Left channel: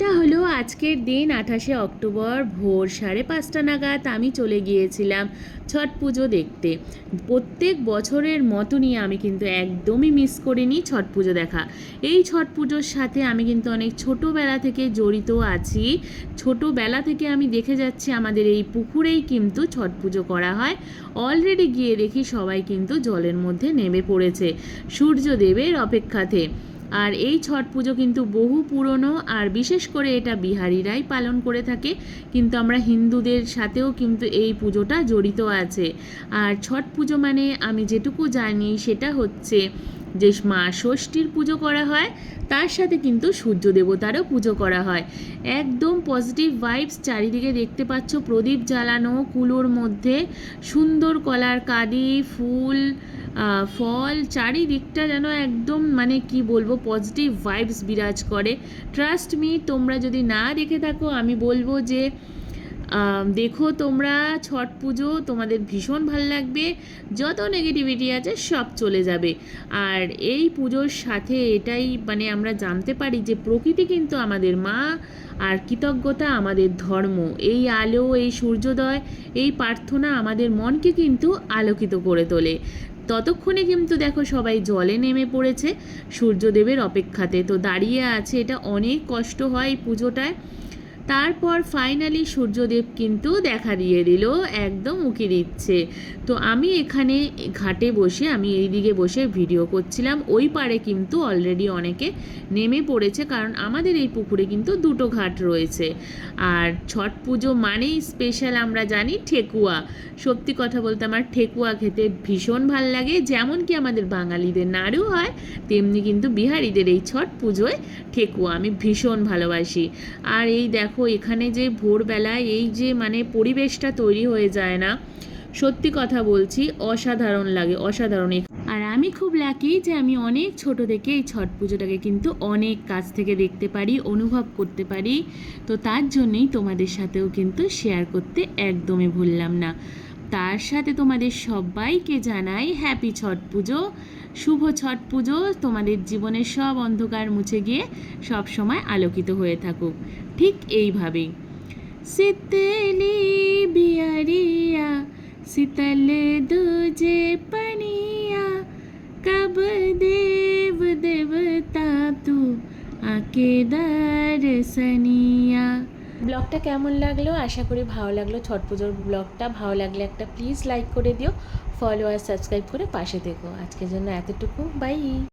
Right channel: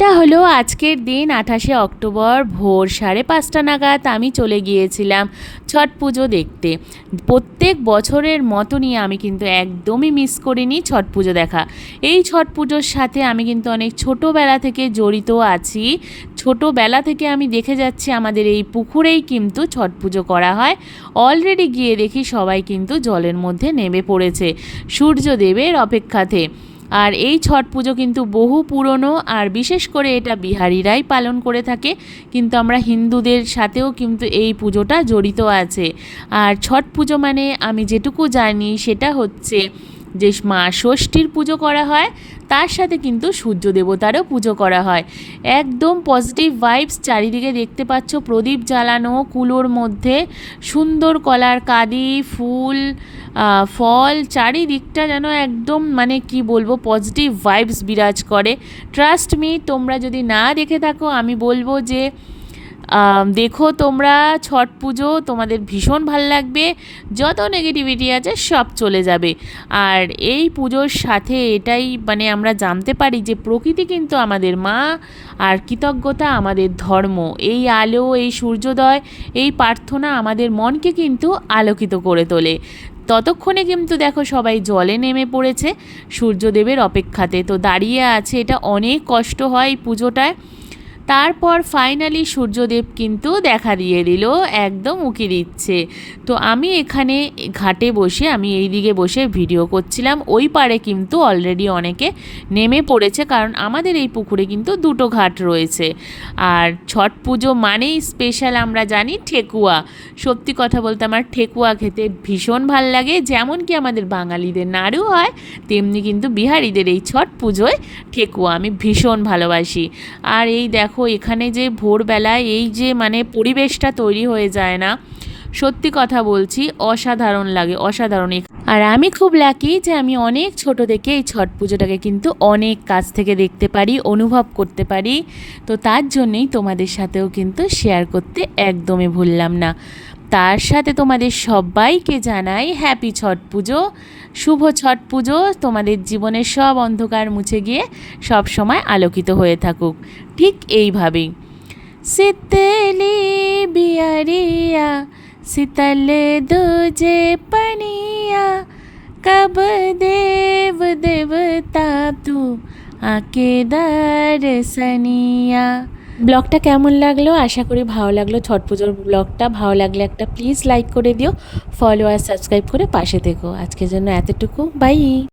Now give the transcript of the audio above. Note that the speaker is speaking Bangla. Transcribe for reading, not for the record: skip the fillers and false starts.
এটা হলো আজকের দিন 28শে অক্টোবর ভোর 5:30 নাগাদ আমি চলে গিয়েছিলাম ছট পুজো দেখতে। প্রত্যেক বছরের মতনই আমি কিন্তু একদমই মিস করিনি ছট পুজো দেখা। এই ছট পুজোর সাথে আমি কিন্তু অনেক ছোটোবেলা থেকে জড়িত আছি। ছোটোবেলা থেকে আমি দেখে যাচ্ছি আমাদের এই পুকুরেই কিন্তু ছট পুজো করা হয়। অলরেডি গিয়ে দেখি সবাই কিন্তু জলের মধ্যে নেমে পড়েছে সূর্যদেবের অপেক্ষাতে। আর এই ছট পুজো কিন্তু বহু পুরনো, আর বিশেষ করে এটা বিহারিরাই পালন করে থাকে, কিন্তু আমরা হিন্দুদের সাথেও কিন্তু এই পুজোটা জড়িত আছে। আর ছট পুজো মানে আমি যেটুকু জানি সেটা হচ্ছে যে মা ষষ্ঠীর পুজো করা হয়, তার সাথে কিন্তু সূর্য দেবতারও পুজো করা হয়। একদম পজিটিভ ভাইবস চারিদিকে দেখতে পাচ্ছ, প্রদীপ জ্বালানো, কুলোর মধ্যে সুন্দর কলার কাঁদি, ফুল, ফল, চারিদিকটা যেন একদম মানে কি বলবো পজিটিভ ভাইবস বিরাজ করে। ট্রাস্ট মি, তোমরা যদি না দেখে থাকো আমি বলবো যে দেখো তোমরা ছট পুজো, তোমাদের ভীষণ ভাল লাগবে। যত নেগেটিভিটি আছে সব চলে যাবে। আর এই পুজোর সাথে এটাই মানে আমরা জানতে পারি যে প্রকৃতি কিন্তু আমাদের মা, আর কৃতজ্ঞতা আমাদের ধর্ম। এই আলো, এই সূর্যোদয়, এই প্রার্থনা আমাদের মনকে কিন্তু আলোকিত করে তোলে। ততক্ষণে কিন্তু দেখো সবাই জলে নেমে পড়েছে সূর্যদেবের অপেক্ষাতে, তো দাঁড়িয়ে আছে। এটা অনেক কষ্ট হয় এই পুজোটায়। তারপর ফাইনালি সূর্যদেব কিন্তু দেখা দিয়ে দিল, একদম উঁকি দিচ্ছে। তো আমি এখানে ঘাটে বসে, আমি এই দিকে বসে ভিডিও করছিলাম। ওই পারে কিন্তু অলরেডি অনেকে নেমে পড়েছে, কারণ আমাদের এই পুকুরে কিন্তু দুটো ঘাট রয়েছে। আর ছট পুজো মানেই স্পেশাল আমরা জানি ঠেকুয়া। সত্যি কথা বলতে আমার ঠেকুয়া খেতে ভীষণ ভাল লাগে। যেমন কি আমাদের বাঙালিদের নাড়ু হয়, তেমনি কিন্তু বিহারিদের এই ছট পুজোয় ঠেকুয়া আমি ভীষণ ভালোবাসি। আর এই দেখো এখানে যে ভোরবেলায় এই যে মানে পরিবেশটা তৈরি হয়ে যায় না, সত্যি কথা বলছি অসাধারণ লাগে, অসাধারণ। আর আমি খুব লাকি যে আমি অনেক ছোট থেকে এই ছট পুজোটাকে কিন্তু অনেক কাছ থেকে দেখতে পারি, অনুভব করতে পারি। তো তার জন্যই তোমাদের সাথেও কিন্তু শেয়ার করতে একদমই ভুললাম না। তার সাথে তোমাদের সবাইকে জানাই হ্যাপি ছট পুজো, শুভ ছট পুজো। তোমাদের জীবনের সব অন্ধকার মুছে গিয়ে সব সময় আলোকিত হয়ে থাকুক ঠিক এইভাবেই। শীতলি বিয়ারিয়া শীতল দুজে পনিয়া, কব দেব দেবতা তু আকে দর্শনিয়া। ব্লগটা কেমন লাগলো? আশা করি ভালো লাগলো। ছট পুজোর ব্লগটা ভালো লাগলে একটা প্লিজ লাইক করে দিও, ফলো আর সাবস্ক্রাইব করে পাশে থেকো। আজকের জন্য এতটুকু, বাই।